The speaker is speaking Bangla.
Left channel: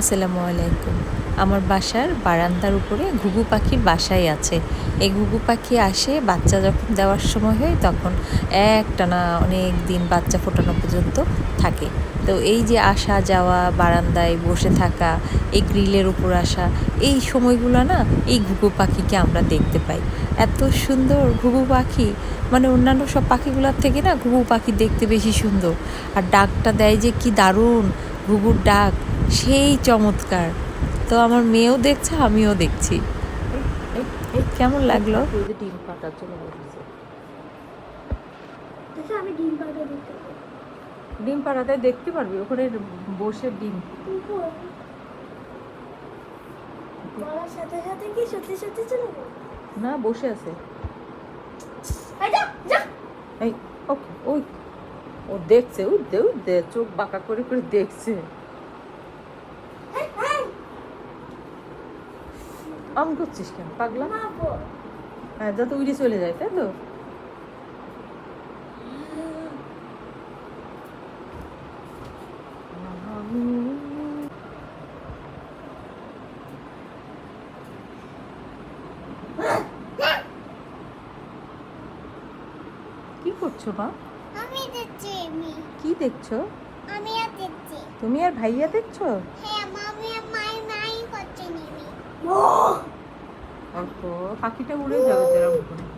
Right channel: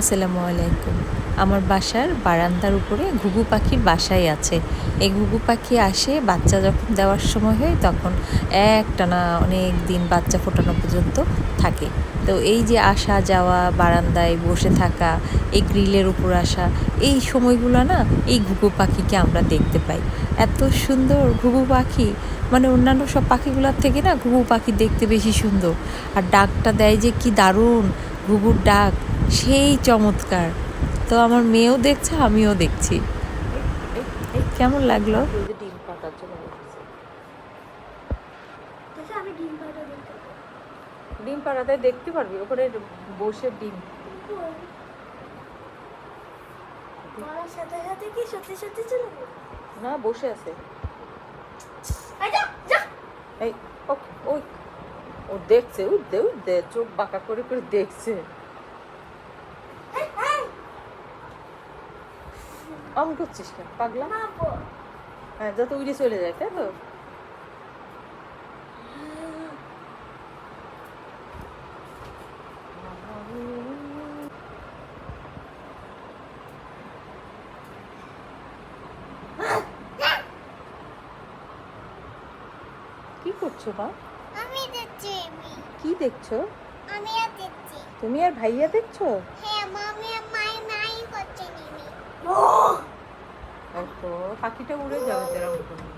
আসসালামু আলাইকুম। আমার বাসার বারান্দার উপরে ঘুঘু পাখির বাসাই আছে। এই ঘুঘু পাখি আসে বাচ্চা যখন দেওয়ার সময় হয় তখন একটানা অনেক দিন বাচ্চা ফোটানো পর্যন্ত থাকে। তো এই যে আসা যাওয়া, বারান্দায় বসে থাকা, এই গ্রিলের উপর আসা, এই সময়গুলো না এই ঘুঘু পাখিকে আমরা দেখতে পাই। এত সুন্দর ঘুঘু পাখি, মানে অন্যান্য সব পাখিগুলোর থেকে না ঘুঘু পাখি দেখতে বেশি সুন্দর। আর ডাকটা দেয় যে কি দারুণ, ঘুঘুর ডাক সেই চমৎকার। তো আমার মেয়েও দেখছে, আমিও দেখছি। কেমন লাগলো? ডিম পাড়াতে দেখতে পারবি ওখানে বসে ডিম। বলার সাথে সাথে কি সত্যি সত্যি চলে যাবো? না, বসে আছে। এই ওকে, ওই ও দেখছে, ওই দে ওই দে, চোখ বাঁকা করে করে দেখছে। আম করছিস কেন পাগলা? হ্যাঁ, যাতে উড়ে চলে যায়, তাই তো? কি করছো মা? আমি দেখছি কি দেখছো? আমি আর দেখছি। তুমি আর ভাইয়া দেখছো? হ্যাঁ, মামি আর মাই করছে নিমি। পাখিটা উড়ে যাবে যেরকম।